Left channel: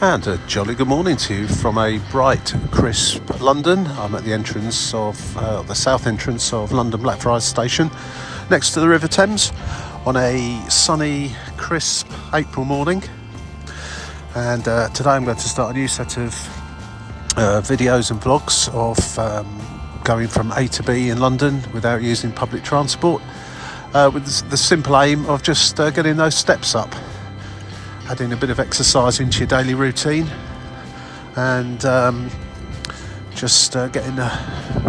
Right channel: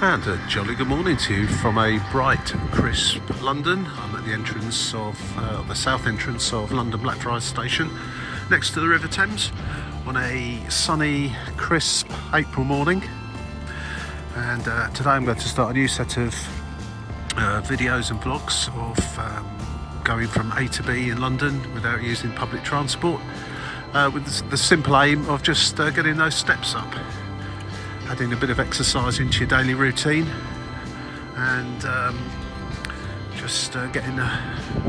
And a jolly good morning to you from a bright, crisp London. I'm at the entrance of the south entrance of London Blackfriars station, next to the River Thames, on a sunny, crisp April morning. And today I'm going to start a new set of videos and vlogs of going from A to B in London without using public transport, with the simple aim of just getting those steps up, adding a bit of exercise into your daily routine, and just getting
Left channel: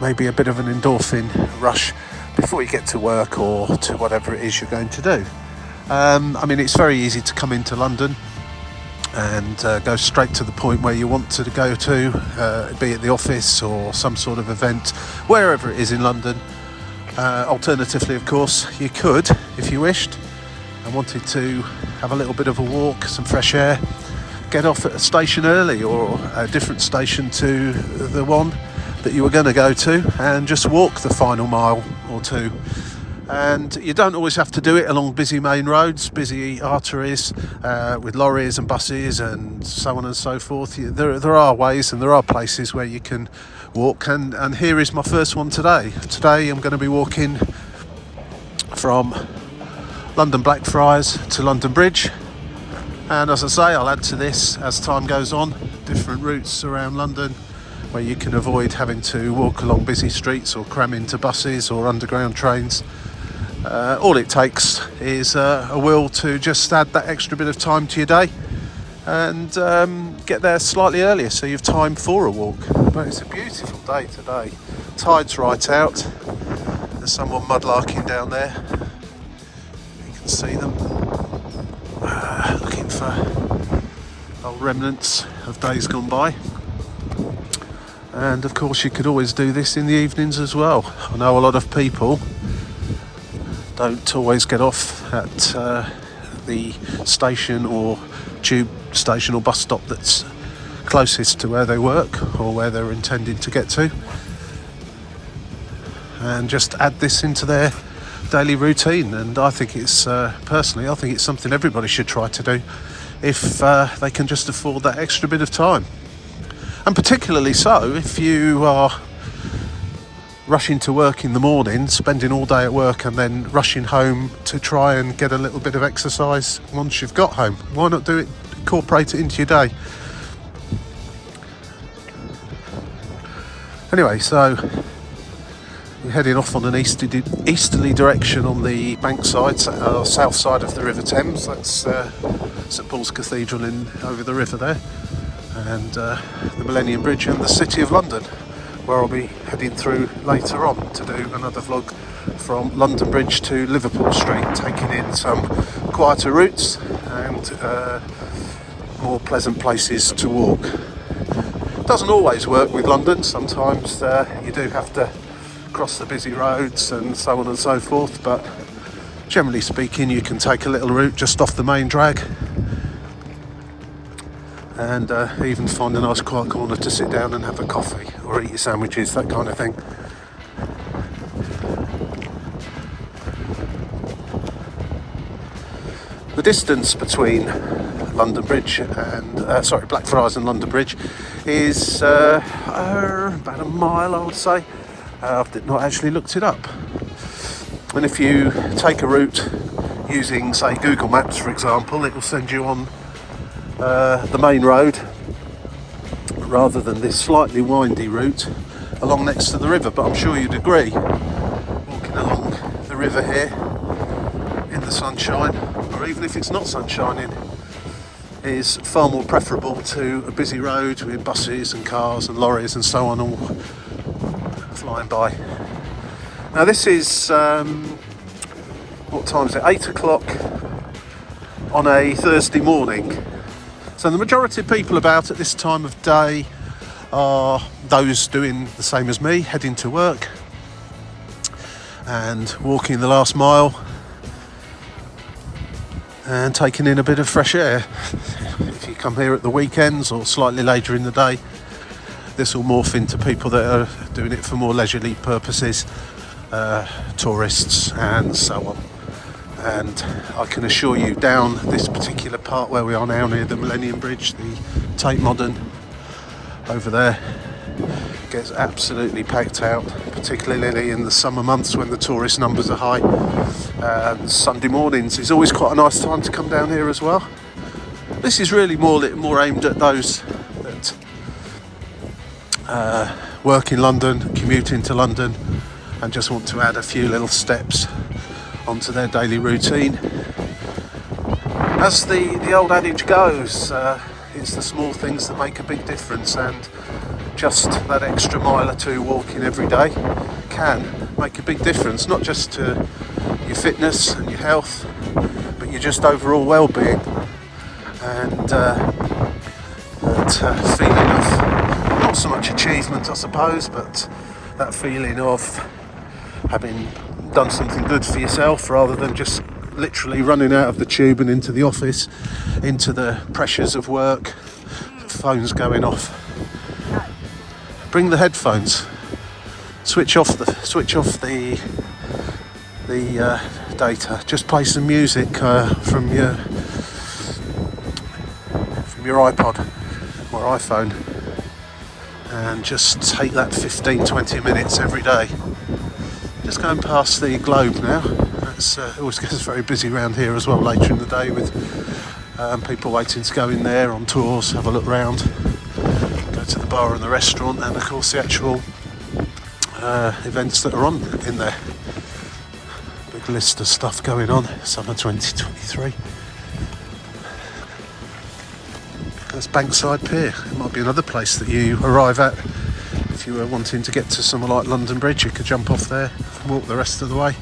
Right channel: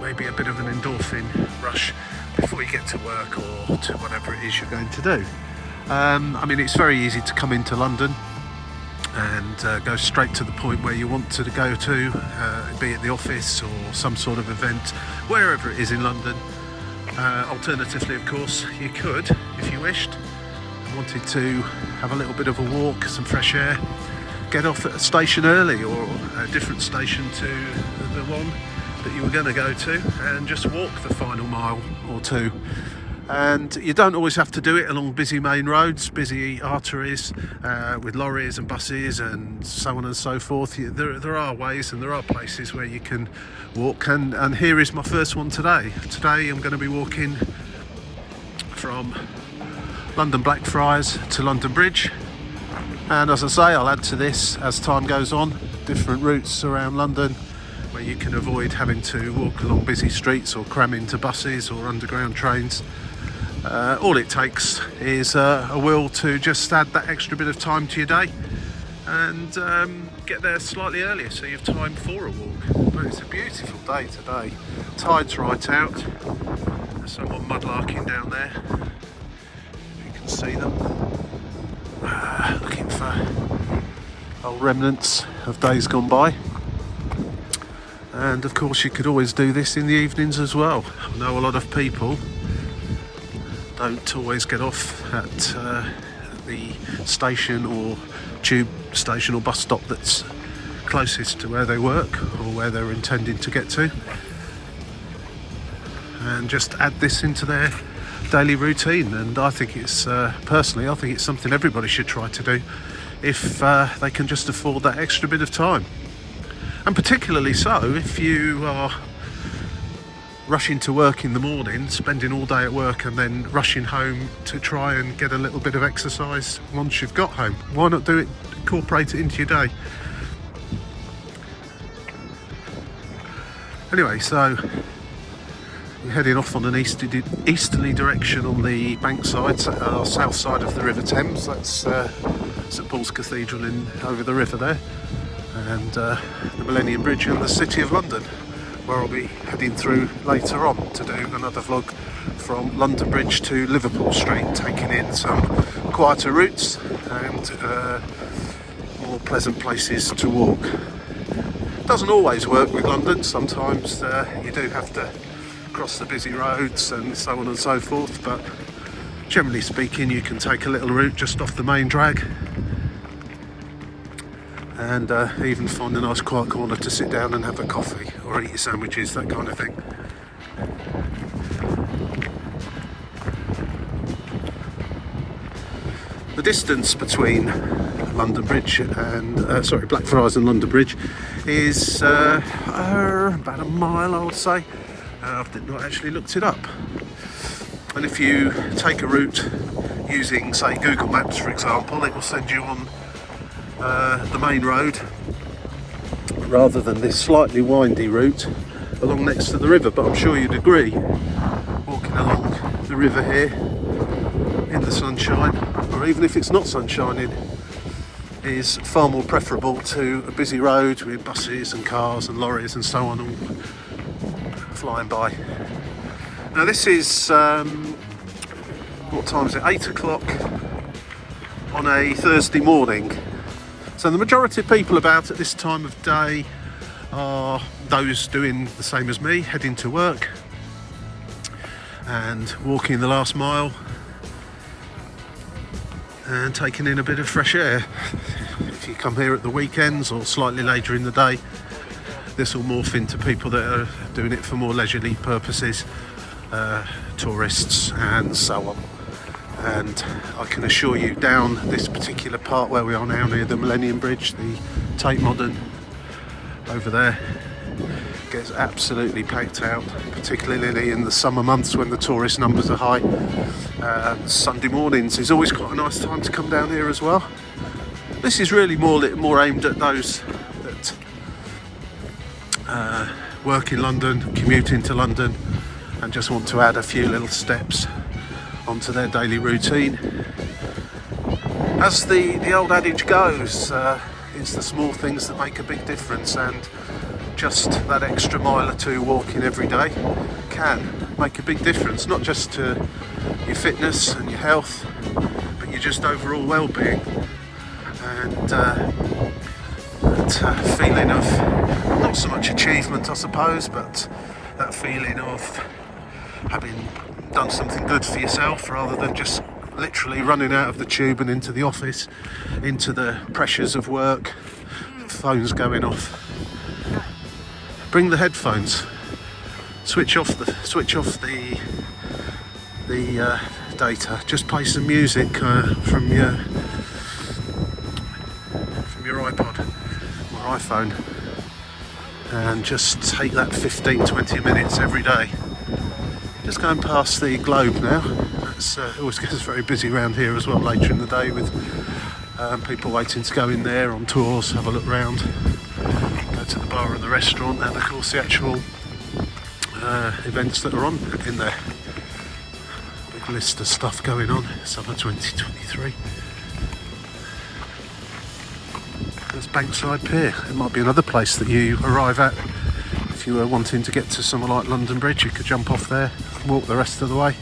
maybe a bit of an endorphin rush before you get to work or to whatever it is you're going to do. I mean, it's very easy to come into London and go straight to the point where you want to go to, be at the office or some sort of event, wherever it is in London. Alternatively, of course, you could, if you wished and wanted to have a little bit of a walk, some fresh air, get off at a station early or a different station to the one that you were going to go to, and just walk the final mile or two. And you don't always have to do it along busy main roads, busy arteries, with lorries and buses and so on and so forth. There are ways and there are places where you can walk, and here is my first one today. Today I'm going to be walking from London Blackfriars to London Bridge, and as I say, I'll add to this as time goes on, different routes around London where you can avoid having to walk along busy streets or cram into buses or underground trains. All it takes is a will to just add that extra bit of time to your day and get there slightly earlier so you've time for a walk. But it's a beautiful day today. Tide's right out. There's someone mudlarking down there. You can see them looking for old remnants of days gone by. And of course you could always do this in the evenings as well. I know a lot of people don't always get off at the station or tube station or bus stop that's closest to where they work or where they're intending to get to, and just add this into their daily routine. And I think it's personally, I think it's something everybody should try to do if they can just afford that extra bit of time, and particularly so if you are rushing to work in the morning, spending all day at work and then rushing home to try and get a little bit of exercise once you've got home. Why not do it, incorporate it into your day? Anyway, so we're heading off on an easterly direction on the bank side, south side of the River Thames. That's St Paul's Cathedral over the river there, and the Millennium Bridge and the City of London, where I'll be heading through later on to do another vlog from London Bridge to Liverpool Street, taking in some quieter routes and more pleasant places to walk. Doesn't always work with London. Sometimes you do have to cross the busy roads and so on and so forth, but generally speaking you can take a little route just off the main drag and even find a nice quiet corner to sit down and have a coffee or eat your sandwiches, that kind of thing. The distance between London Bridge and Blackfriars and London Bridge is about a mile, I would say. I've not actually looked it up. And if you take a route using, say, Google Maps, for example, it will send you on the main road rather than this slightly windy route along next to the river. But I'm sure you'd agree, walking along the river here in the sunshine, or even if it's not sunshining, is far more preferable to a busy road with buses and cars and lorries and so on all flying by. Now this is what time is it? 8 o'clock on a Thursday morning. So the majority of people about at this time of day are those doing the same as me, heading to work and walking the last mile and taking in a bit of fresh air. If you come here at the weekends or slightly later in the day, this will morph into people that are doing it for more leisurely purposes, tourists and so on. And I can assure you, down this particular part where we are now near the Millennium Bridge, the Tate Modern over there, gets absolutely packed out, particularly in the summer months when the tourist numbers are high. Sunday mornings is always quite a nice time to come down here as well. This is really more aimed at those that work in London, commute into London, and just want to add a few little steps onto their daily routine. As the old adage goes, it's the small things that make a big difference, and just that extra mile or two walking every day can make a big difference, not just to your fitness and your health, but your just overall well-being. And that feeling of, not so much achievement I suppose, but that feeling of having done something good for yourself, rather than just literally running out of the tube and into the office, into the pressures of work, phones going off. Bring the headphones, switch off the data, just play some music from your iPod or iPhone, and just take that 15-20 minutes every day. Just going past the Globe now. It's always gets very busy around here as well later in the day, with people waiting to go in there on tours, have a look round, go to the bar and the restaurant, and of course the actual events that are on in there. Big list of stuff going on, summer 2023. That's Bankside Pier. It might be another place that you arrive at if you were wanting to get to somewhere like London Bridge. You could jump off there and walk the rest of the way.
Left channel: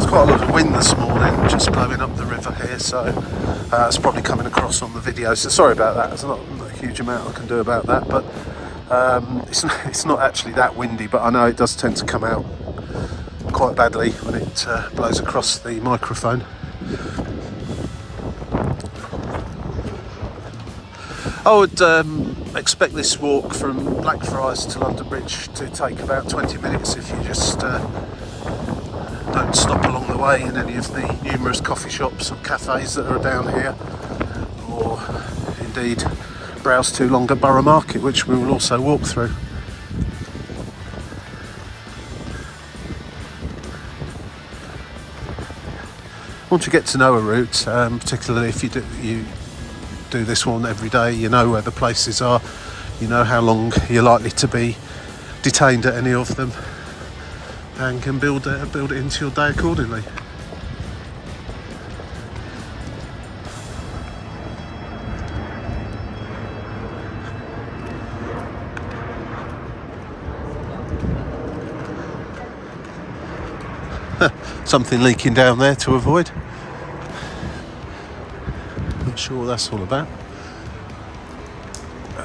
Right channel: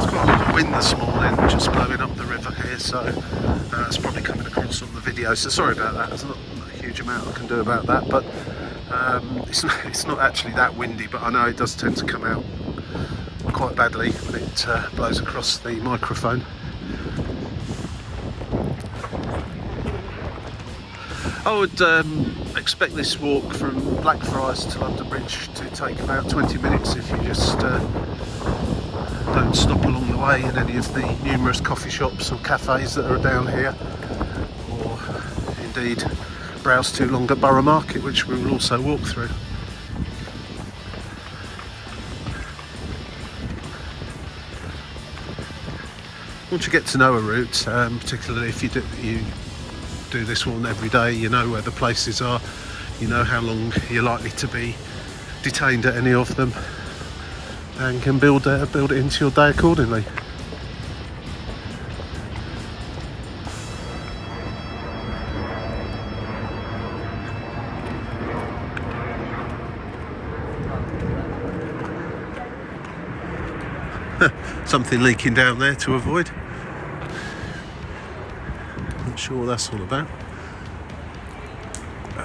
Quite a lot of wind this morning, just blowing up the river here, so it's probably coming across on the video, so sorry about that. There's not a huge amount I can do about that, but it's not actually that windy, but I know it does tend to come out quite badly when it blows across the microphone. I would expect this walk from Blackfriars to London Bridge to take about 20 minutes if you just don't stop along the way in any of the numerous coffee shops or cafes that are down here, or indeed browse too long at Borough Market, which we will also walk through. Want to get to know a route, particularly if you do this one every day, you know where the places are, you know how long you're likely to be detained at any of them, and can build it into your day accordingly. Something leaking down there to avoid. Not sure what that's all about.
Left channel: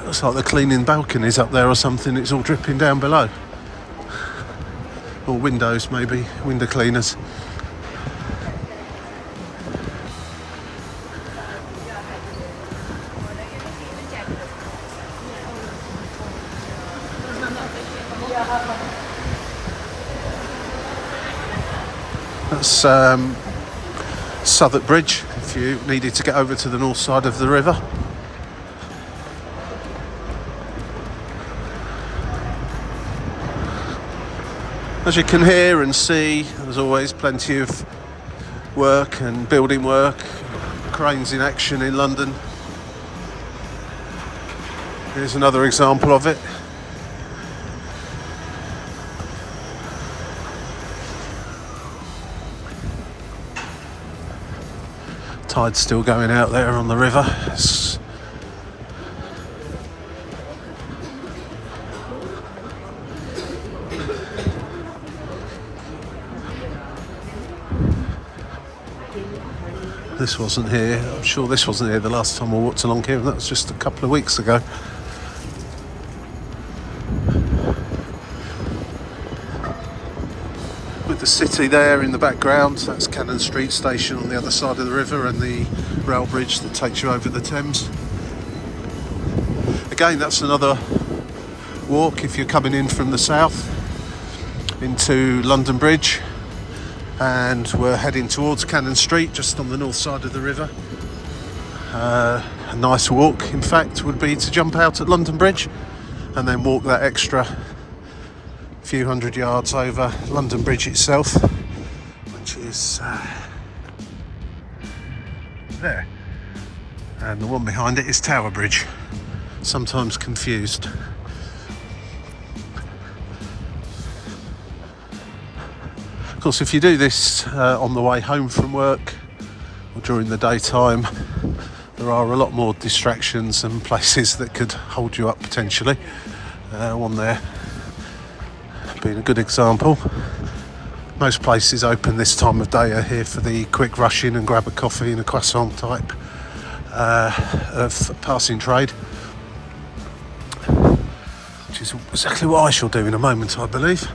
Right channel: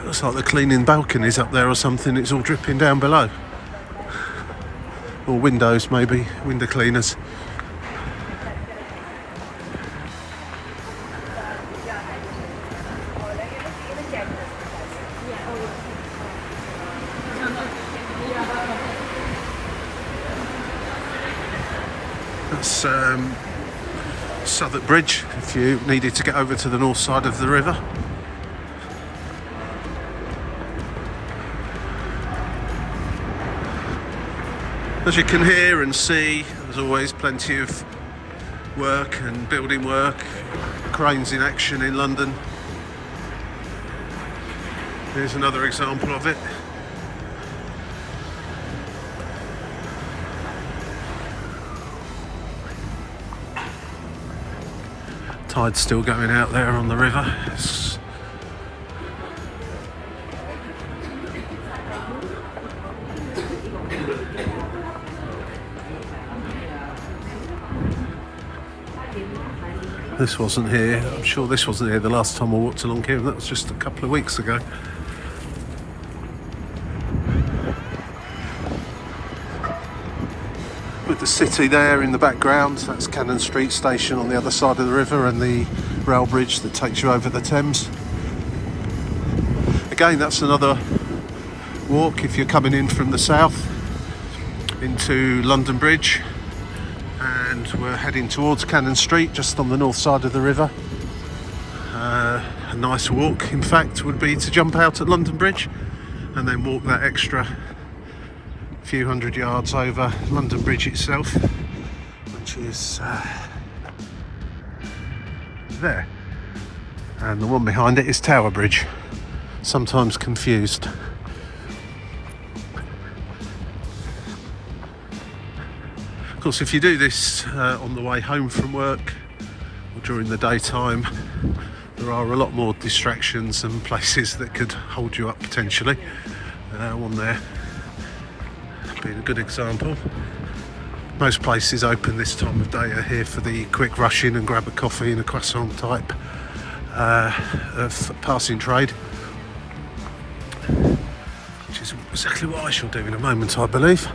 Looks like they're cleaning balconies up there or something. It's all dripping down below. Or windows, maybe, window cleaners. That's Southwark Bridge, if you needed to get over to the north side of the river. As you can hear and see, there's always plenty of work and building work, cranes in action in London. Here's another example of it. Tide's still going out there on the river. This wasn't here. I'm sure this wasn't here the last time I walked along here, and that was just a couple of weeks ago. With the city there in the background, that's Cannon Street Station on the other side of the river, and the rail bridge that takes you over the Thames. Again, that's another walk if you're coming in from the south into London Bridge, and we're heading towards Cannon Street, just on the north side of the river. A nice walk, in fact, would be to jump out at London Bridge and then walk that extra few hundred yards over London Bridge itself, which is there, and the one behind it is Tower Bridge, sometimes confused. Of course, if you do this on the way home from work or during the daytime, there are a lot more distractions and places that could hold you up potentially. One there being a good example. Most places open this time of day are here for the quick rush in and grab a coffee and a croissant type of passing trade, which is exactly what I shall do in a moment, I believe.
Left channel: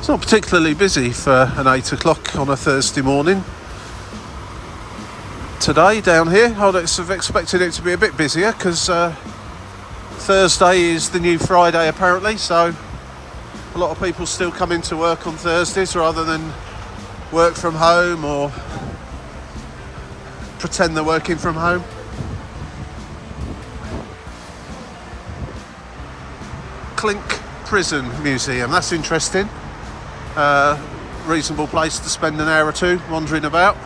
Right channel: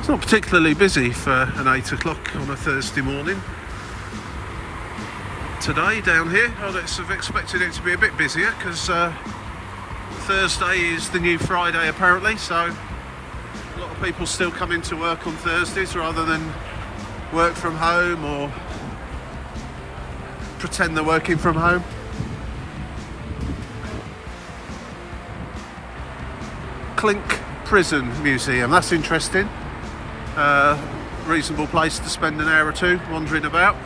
It's not particularly busy for an 8 o'clock on a Thursday morning today down here. I would have expected it to be a bit busier because Thursday is the new Friday apparently, so a lot of people still come into work on Thursdays rather than work from home or pretend they're working from home. Clink Prison Museum, that's interesting. Reasonable place to spend an hour or two wandering about.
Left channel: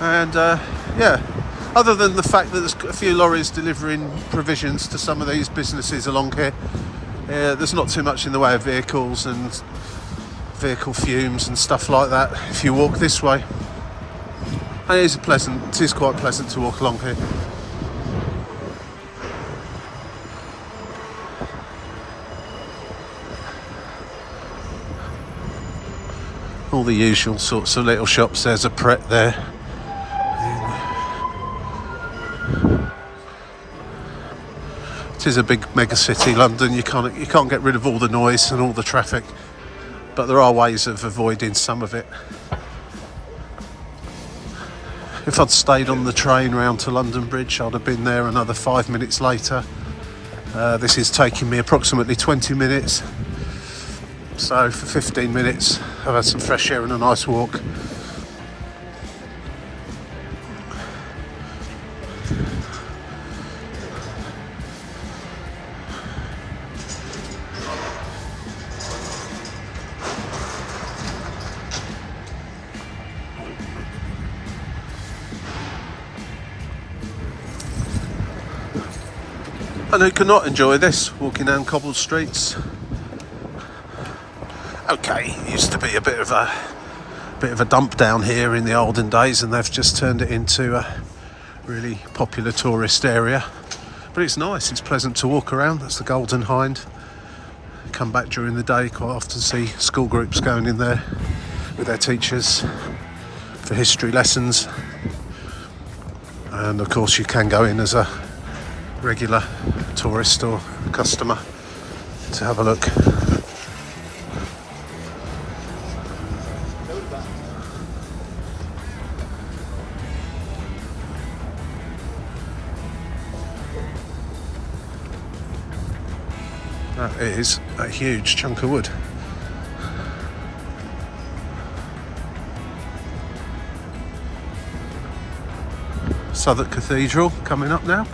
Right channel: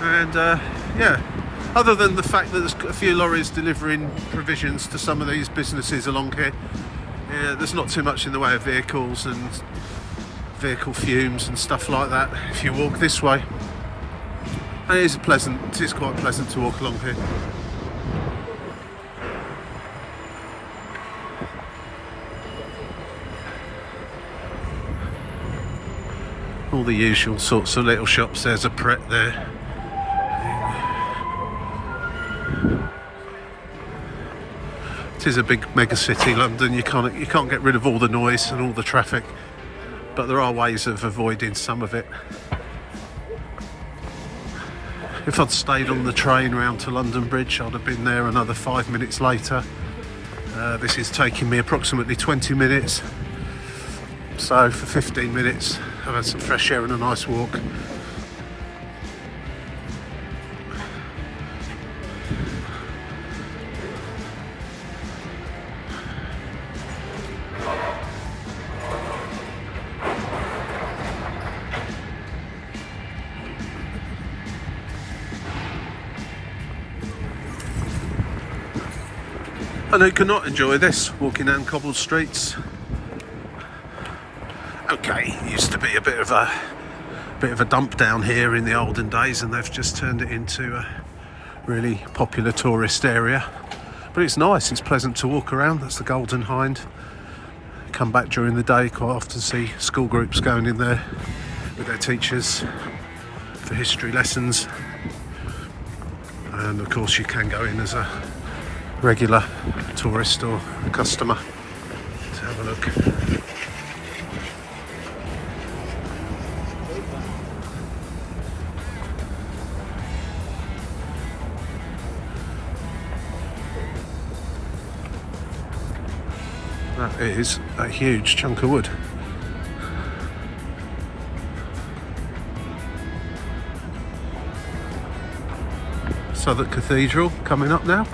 And yeah, other than the fact that there's a few lorries delivering provisions to some of these businesses along here, there's not too much in the way of vehicles and vehicle fumes and stuff like that if you walk this way. And it is quite pleasant to walk along here. All the usual sorts of little shops. There's a Pret there. It is a big mega city, London. You can't get rid of all the noise and all the traffic, but there are ways of avoiding some of it. If I'd stayed on the train round to London Bridge, I'd have been there another 5 minutes later. This is taking me approximately 20 minutes. So for 15 minutes, I've had some fresh air and a nice walk. And who cannot enjoy this, walking down cobbled streets? Okay, it used to be a bit of a dump down here in the olden days, and they've just turned it into a really popular tourist area. But it's nice, it's pleasant to walk around. That's the Golden Hind. Come back during the day, quite often see school groups going in there with their teachers for history lessons. And of course you can go in as a regular tourist or customer to have a look. That is a huge chunk of wood. Southwark Cathedral coming up now.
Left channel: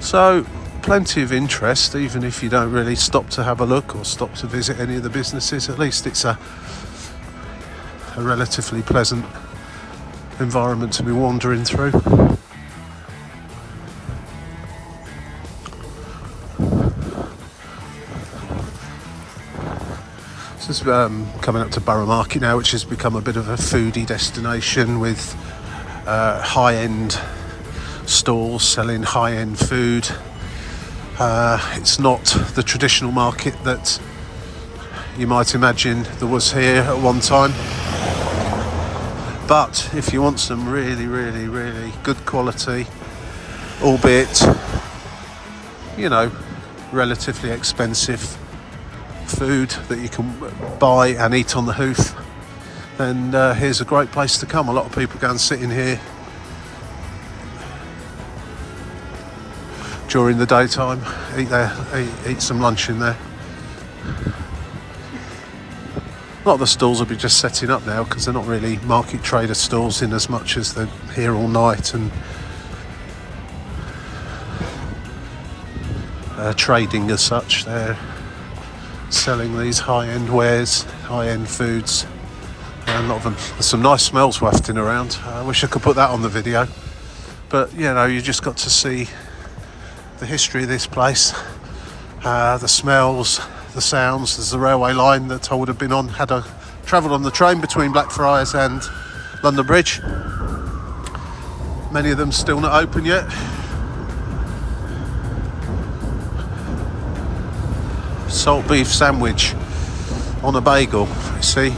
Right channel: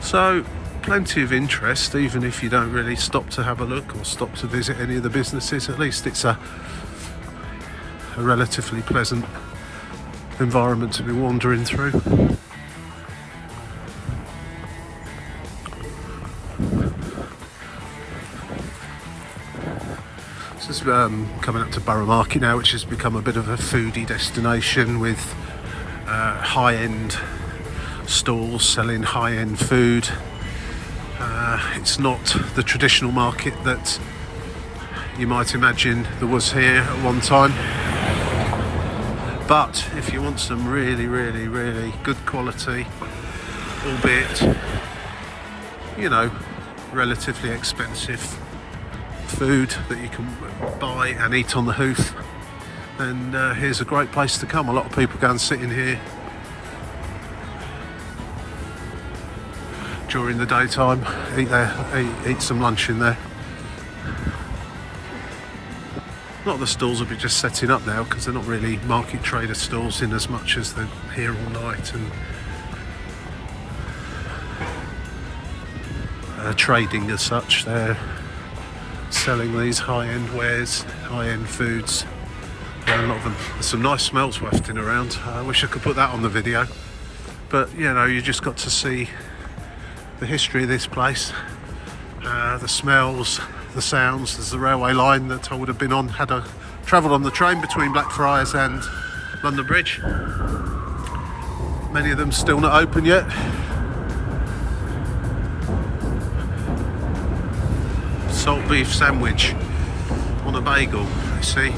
So plenty of interest, even if you don't really stop to have a look or stop to visit any of the businesses. At least it's a relatively pleasant environment to be wandering through. is coming up to Borough Market now, which has become a bit of a foodie destination with high-end stalls selling high-end food. It's not the traditional market that you might imagine there was here at one time. But if you want some really, really, really good quality, albeit, you know, relatively expensive food that you can buy and eat on the hoof, then here's a great place to come. A lot of people go and sit in here during the daytime, eat some lunch in there. A lot of the stalls will be just setting up now because they're not really market trader stalls in as much as they're here all night and trading as such. They're selling these high-end wares, high-end foods. A lot of them. There's some nice smells wafting around. I wish I could put that on the video, but you know, you just got to see the history of this place, the smells, the sounds. There's the railway line that I would have been on had I travelled on the train between Blackfriars and London Bridge. Many of them still not open yet. Salt beef sandwich on a bagel, you see.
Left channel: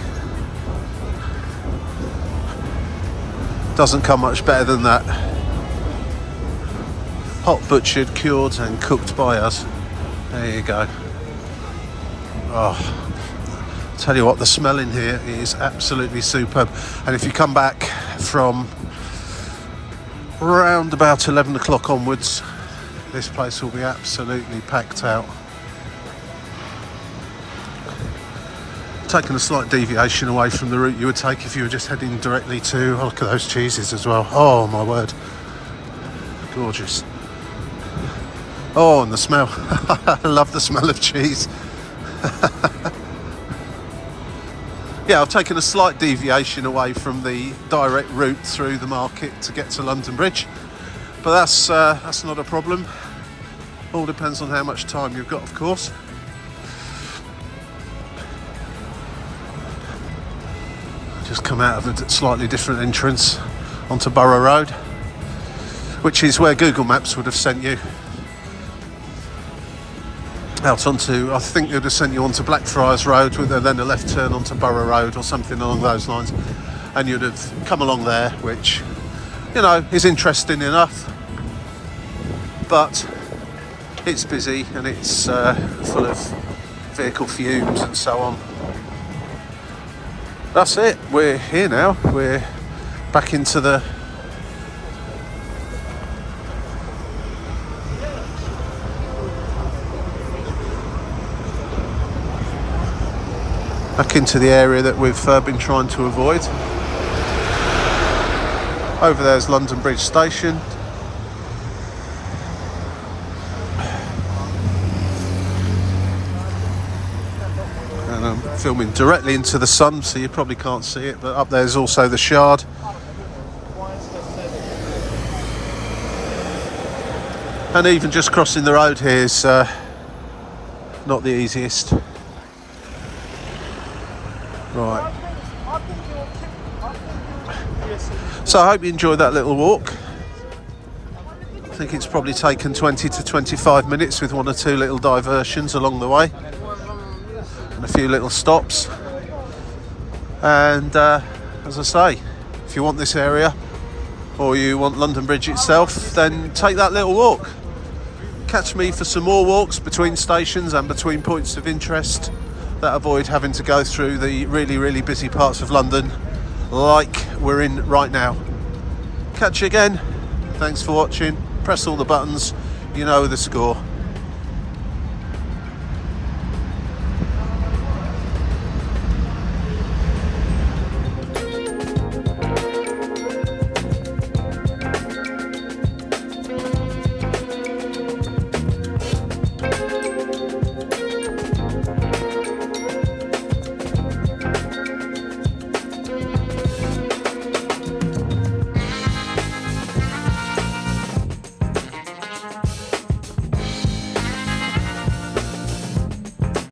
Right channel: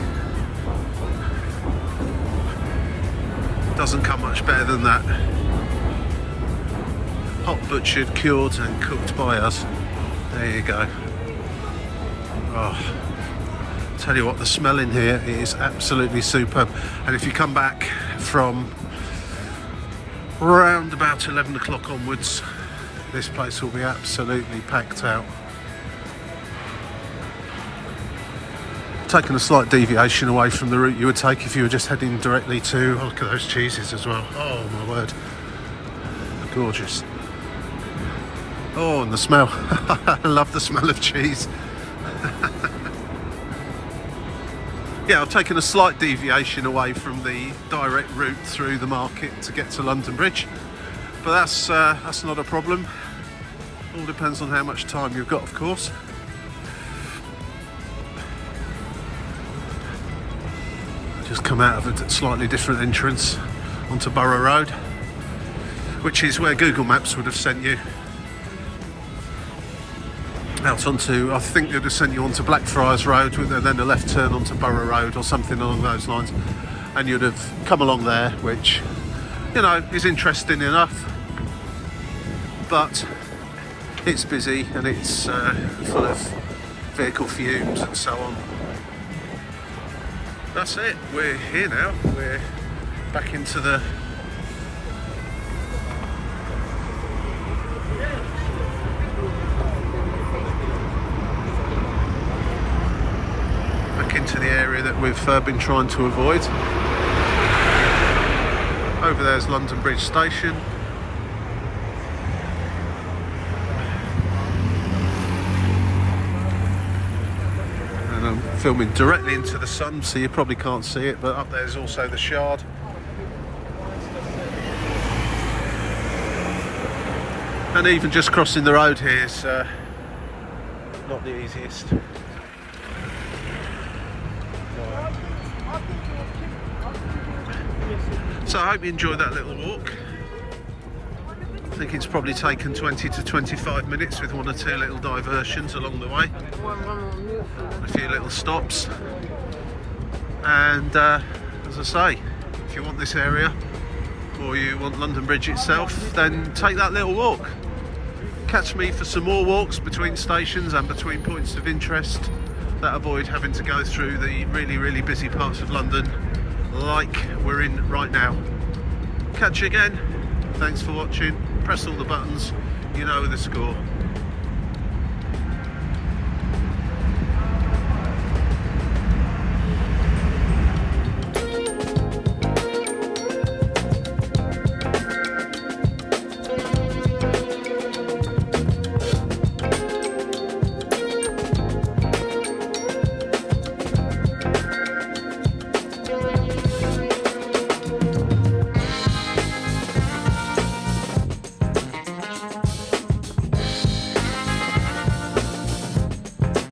Doesn't come much better than that. Hot butchered, cured and cooked by us. There you go. Oh, tell you what, the smell in here is absolutely superb. And if you come back from around about 11 o'clock onwards, this place will be absolutely packed out. Taking a slight deviation away from the route you would take if you were just heading directly to, oh, look at those cheeses as well. Oh my word, gorgeous. Oh, and the smell. I love the smell of cheese. Yeah, I've taken a slight deviation away from the direct route through the market to get to London Bridge, but that's not a problem. All depends on how much time you've got, of course. Just come out of a slightly different entrance onto Borough Road, which is where Google Maps would have sent you out onto, I think they'd have sent you onto Blackfriars Road with then a left turn onto Borough Road or something along those lines, and you'd have come along there, which, you know, is interesting enough, but it's busy and it's full of vehicle fumes and so on. That's it, we're here now, we're back into the area that we've been trying to avoid. Over there's London Bridge Station. And I'm filming directly into the sun, so you probably can't see it, but up there's also the Shard. And even just crossing the road here is not the easiest. Right. So I hope you enjoyed that little walk. I think it's probably taken 20 to 25 minutes with one or two little diversions along the way and a few little stops. And as I say, if you want this area or you want London Bridge itself, then take that little walk. Catch me for some more walks between stations and between points of interest that avoid having to go through the really, really busy parts of London like we're in right now. Catch you again. Thanks for watching. Press all the buttons. You know the score.